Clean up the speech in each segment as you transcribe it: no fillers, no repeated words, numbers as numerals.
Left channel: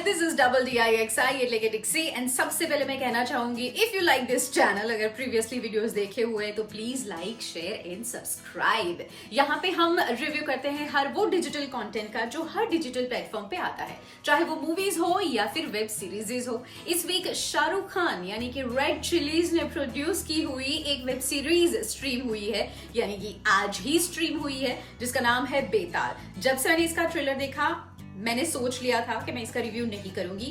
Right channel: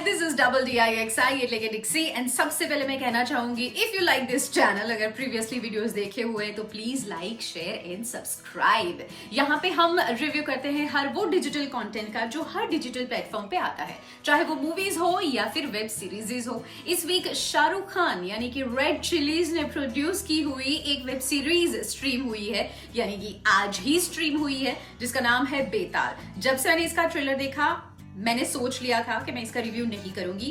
Hi this is double DIXI लेके डिक्सी and सबसे पहले मैं कहना चाहूंगी if you like this channel, अगर प्रीवियसली वीडियोस देखे हुए हैं तो please like share and subscribe. यहाँ पे हम रिव्यू करते हैं हर वो डिजिटल कंटेंट का जो हर डिजिटल प्लेटफॉर्म पे आता है, चाहे वो मूवीज हो या फिर वेब सीरीज हो। इस वीक शाहरुख खान यानी कि रेड चिलीज ने प्रोड्यूस की हुई एक वेब सीरीज स्ट्रीम हुई है, यानी कि आज ही स्ट्रीम हुई है, जिसका नाम है बेताल। जब से मैंने इसका ट्रेलर देखा मैंने सोच लिया था कि मैं इसका रिव्यू नहीं करूंगी,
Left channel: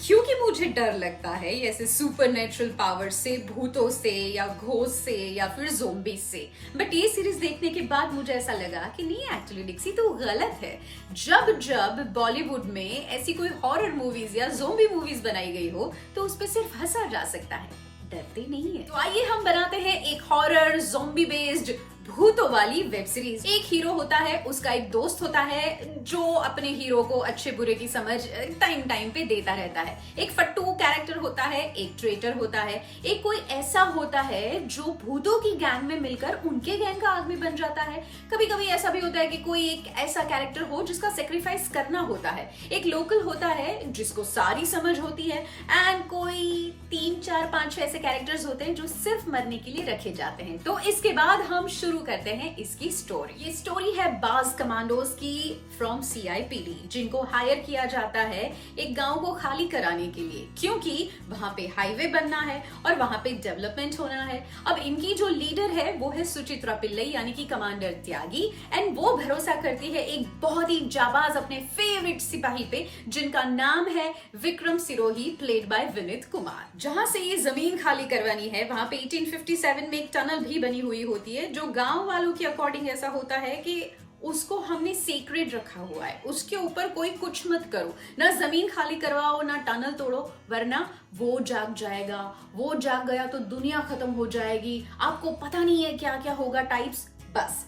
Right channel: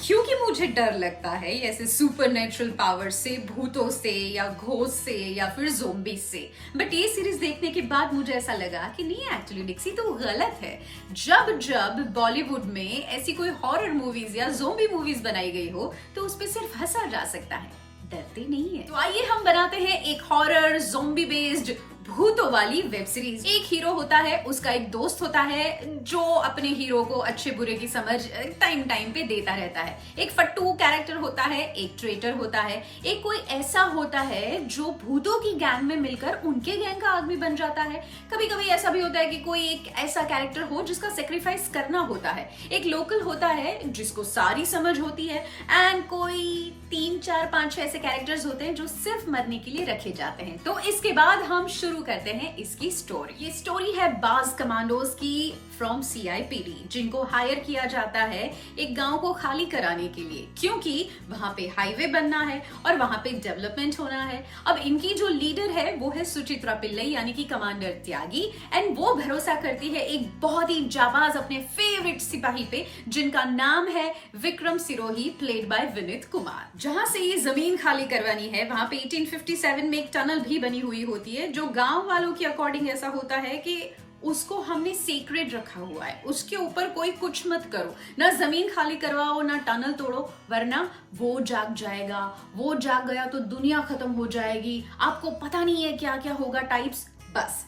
क्योंकि मुझे डर लगता है ऐसे सुपरनेचुरल पावर से, भूतों से या घोस्ट से या फिर ज़ोंबी से। बट ये सीरीज देखने के बाद मुझे ऐसा लगा कि नहीं, एक्चुअली डिक्सी तो गलत है। जब जब बॉलीवुड में ऐसी कोई हॉरर मूवीज या ज़ोंबी मूवीज बनाई गई हो तो उस पर सिर्फ हंसा जा सकता है, डरते नहीं है। तो आइए हम बनाते हैं एक हॉरर ज़ोंबी बेस्ड भूतों वाली वेब सीरीज। एक हीरो होता है, उसका एक दोस्त होता है जो अपने हीरो को अच्छे बुरे की समझ टाइम टाइम पे देता रहता है। एक फट्टू कैरेक्टर होता है, एक ट्रेटर होता है, एक कोई ऐसा होता है जो भूतों की गैंग में मिलकर उनके गैंग का आदमी बन जाता है। कभी कभी ऐसा भी होता है कि कोई एक ऐसा कैरेक्टर हो जिसका सेक्रीफाइस करना होता है। एक लोकल होता है जिसको सारी समझ होती है, एंड कोई 3 4 5 ऐसे कैरेक्टर्स होते हैं जो सिर्फ मरने के लिए रखे जाते हैं। तो इसके बाद हम शुरू करते हैं इसकी स्टोरी। ये स्टोरी है बाज कमांडोज की फ्रॉम CIPD, जिनको हायर किया जाता है एक गांव को खाली कराने के लिए, क्योंकि वहां पे हाईवे बनना है और वहां पे डेवलपमेंट होना है। अब इनकी जो लीडर है वो है सुचित्रा पिल्लई यानी कि कमांडर त्यागी, एंड वो भरोसा करती है एक बहुत ही जाबाज अपने फेवरेट सिपाही पे, जिनका नाम है विक्रम सिरोही, प्लेड बाय विनीत कुमार। जहां से ये जमीन खाली करवानी है वहां पे 1857 में एक टनल भी बनी हुई होती है, जो गांव वालों के अकॉर्डिंग ऐसा होता है कि उसको हमने सेक्रेड रखा हुआ है, उसके ऊपर कोई कुछ मत करो, ना जमीन खाली करवाओ ना टनल तोड़ो, वरना वो जाग जाएगा। वो जाग गया तो दुनिया खत्म हो जाएगी, आपको पता नहीं है क्या क्या होगा टाइप्स। बस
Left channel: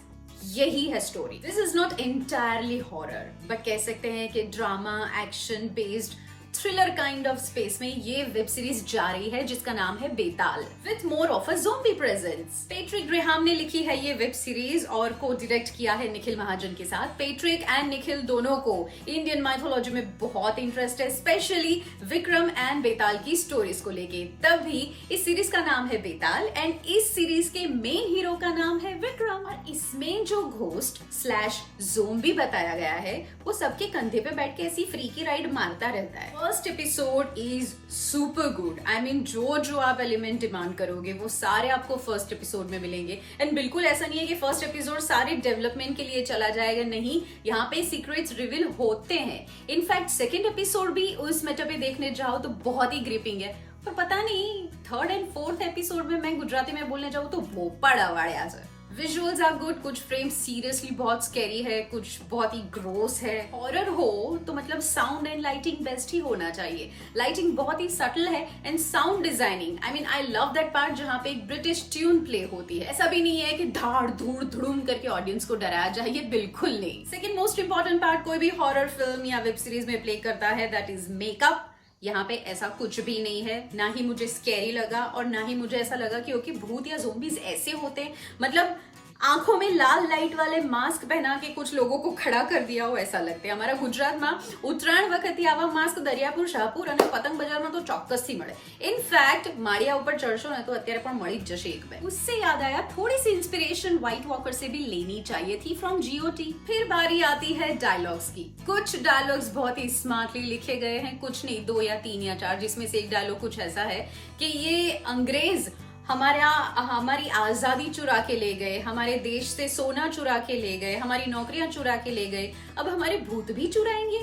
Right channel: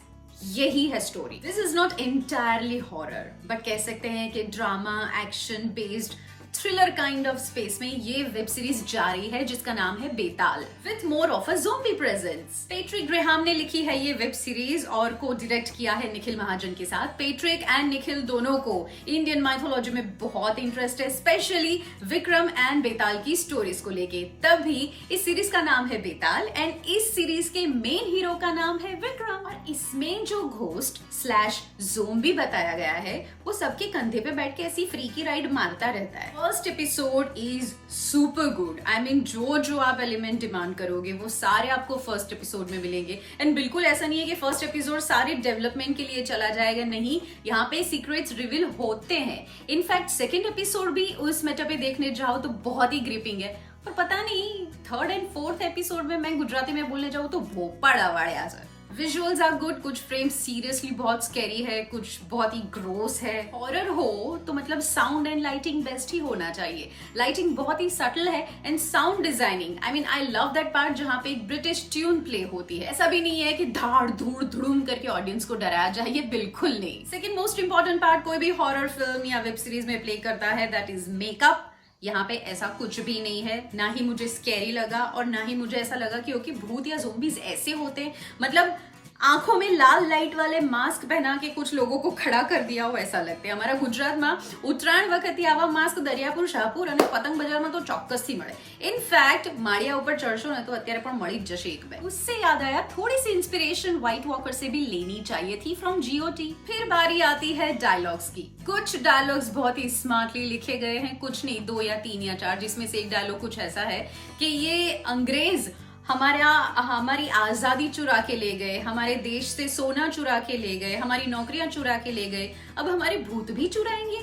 यही है story. This is not entirely horror, but कह सकते हैं कि drama action based thriller kind of space में ये वेब सीरीज जा रही है, जिसका नाम है Betaal, with more of a zombie presence. Patrick Graham ने लिखी है ये वेब सीरीज और को डायरेक्ट किया है निखिल महाजन के साथ। पेट्रिक एंड निखिल दोनों को इंडियन माइथोलॉजी में बहुत इंटरेस्ट है, स्पेशली विक्रम एंड बेताल की स्टोरीज को लेके। तभी इस सीरीज का नाम है बेताल, एंड इस सीरीज के मेन हीरो का नाम है विक्रम। और इसमें जो घोस्ट स्लैश ज़ोंबी बताया गया है वो सबके कंधे पे बैठ के ऐसी फ्री की राइड मारता रहता है। First episode is super good. I mean जो जो आप एलिमेंट डिमांड करोगे वो सारे आपको फर्स्ट एपिसोड में मिलेंगे। एंड बिल्कुल ऐसा नहीं है कि फर्स्ट एपिसोड सारे डेवलपमेंट के लिए चला जाएगा, नहीं, यहाँ पे सीक्रेट्स रिवील होते हैं। इनफैक्ट सेकेंड एपिसोड भी उस मेटा पे देखने जाओ तो बहुत ही ग्रिपिंग है। पर पता नहीं थर्ड एंड फोर्थ एपिसोड में मैं गुजराती में बोलने जाऊँ तो भोपाड़ा वाड़िया सर। विजुअल्स आर गुड, कुछ फ्रेम सीरियसली बहुत स्कैरी है, कुछ बहुत ही ग्रोस है। हॉरर हो तो मतलब साउंड एंड लाइटिंग बेस्ट ही होना चाहिए। लाइटिंग बहुत ही सटल है, and sound designing, I mean I love that part जहाँ पे एक ब्रिटिश ट्यून प्ले होती है। ऐसा भी नहीं है कि धाड़ धूड़ धुड़ूम करके ऑडियंस को डराया जाए, ये बिल्कुल नहीं। सेकेंड मोस्ट इंपॉर्टेंट पार्ट कोई भी हॉरर फिल्म या वेब सीरीज में प्ले करता है, दैट इज मेकअप। यहाँ पे ऐसा कुछ भी नहीं है, ना ही मुझे स्कैरी लगा और ना ही मुझे ऐसा लगा कि भूत या ज़ोंबीज ऐसे होते हैं, मतलब आंखों में लाल लाइट वाले मास्क पहना के कुछ लोगों को खड़ा कर दिया हो ऐसा लगता है। हमारा गुजरात में उत्तरायण वक्त आवा मास्क दरियापुर, शाहपुर और पतंग बजार में तो चौक्कस थी मळे। इनफैक्ट माड़िया ऊपर चढ़शो ने तो अत्यारे पण मળી ज जशे एक બે। उससे याद आया थोड़ी सी इंस्पिरेशन व्हाइट वॉकर से भी लेनी चाहिए थी फ्रॉम GOT। फिर बारी आती है डायलॉग्स की। कुछ डायलॉग्स बहुत ही स्मार्टली लिखे गए हैं, कुछ नहीं 2 या 3 या 4, जिसमें से एक डायलॉग कुछ ऐसा है कि ये अंग्रेज हमारी आजादी चुरा के ले गए, हमारे देश से सोना चुरा के ले गए, हमारी नौकरियां चुरा के ले गए, अब हमारे भूत भी चुराएंगे।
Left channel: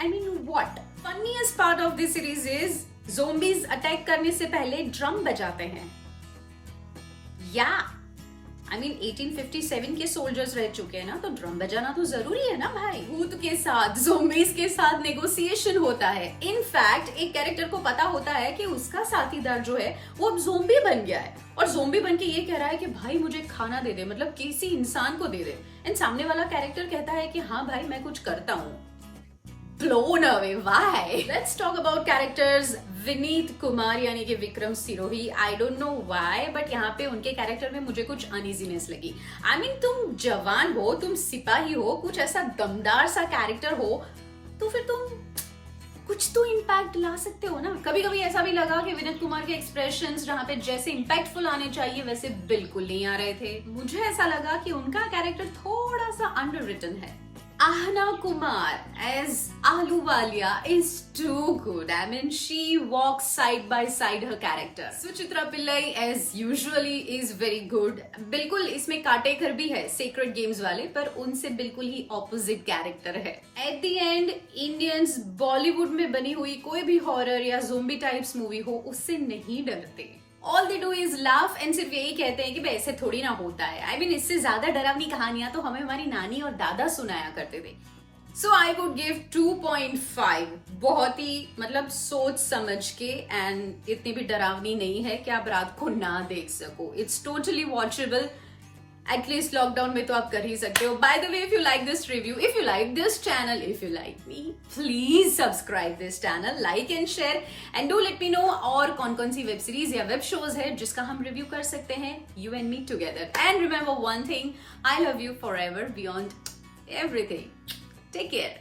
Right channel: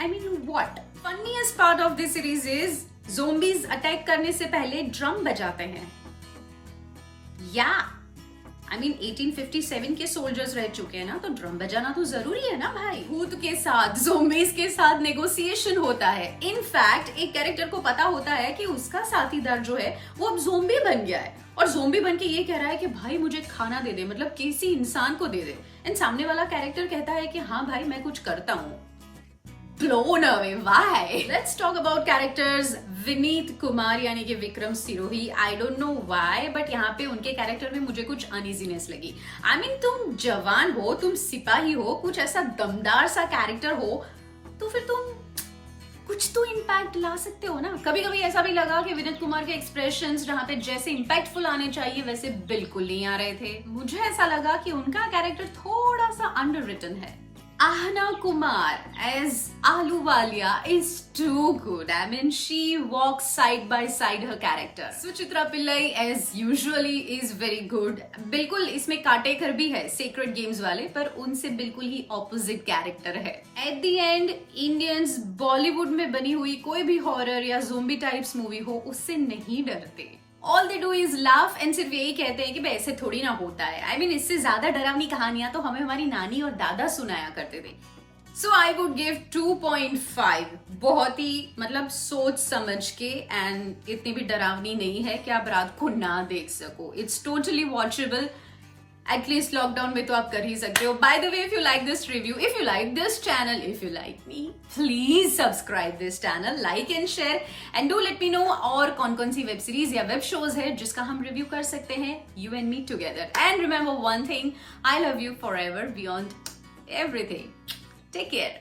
I mean what. Funniest part of this series is zombies attack करने से पहले ड्रम बजाते हैं। या आई मीन 1857 के सोल्जर्स रह चुके हैं ना, तो ड्रम बजाना तो जरूरी है ना भाई। भूत के साथ, ज़ोंबीज के साथ नेगोशिएशन होता है। इनफैक्ट एक कैरेक्टर को पता होता है कि उसका साथीदार जो है वो अब ज़ोंबी बन गया है, और ज़ोंबी बन के ये कह रहा है कि भाई मुझे खाना दे दे, मतलब किसी इंसान को दे दे। एंड सामने वाला कैरेक्टर कहता है कि हाँ भाई मैं कुछ करता हूँ। blown away. Why? Let's talk about characters. Vineet Kumar यानी कि Vikram Sirohi, I don't know why, but यहाँ पे उनके कैरेक्टर में मुझे कुछ अनइजीनेस लगी। आई मीन तुम जवान हो, तुम सिपाही हो, कुछ ऐसा दमदार सा कैरेक्टर हो, तो फिर तुम कुछ कुछ तो इम्पैक्ट ला सकते हो ना। कभी कभी ऐसा भी लगा कि विनीत कुमार के एक्सप्रेशंस जहाँ पे जैसे इम्पैक्टफुल आने चाहिए वैसे बिल्कुल नहीं आ रहे थे। मुझे ऐसा लगा कि उनका कैरेक्टर थोड़ा सा अंडररिटन है। Ahana Kumar as Ahluwalia is too good. I mean, she walks side by side her character. Suchitra Pillai as usually is very good. बिल्कुल इसमें काटेकर भी है Sacred Games वाले, पर उनसे बिल्कुल ही opposite character है। At the end, Indians Bollywood में बनी हुई कोई भी horror या zombie types movie हो उससे नहीं डरते। All they do is laugh and सिर्फ यही कहते हैं कि भाई ऐसे थोड़ी ना होता है। I mean, इससे ज्यादा डरावनी कहानियां तो हमें हमारी नानी और दादा सुनाया करते थे। So I would give 2.5। बहुत ही मतलब सोच समझ के, एंड इतनी भी डरावनी नहीं है कि आप रात को ना देख सको। It's totally watchable। At least lockdown में तो आप कर ही सकते हो। By the way, if you like this review, if you like this channel, if you like me, please subscribe this channel, like and share, and do let me know और कौन कौन सी वेब सीरीज या web shows है जिसका हम review कर सकते हैं, you and me together. And remember one thing, I love you forever beyond everything. Take care.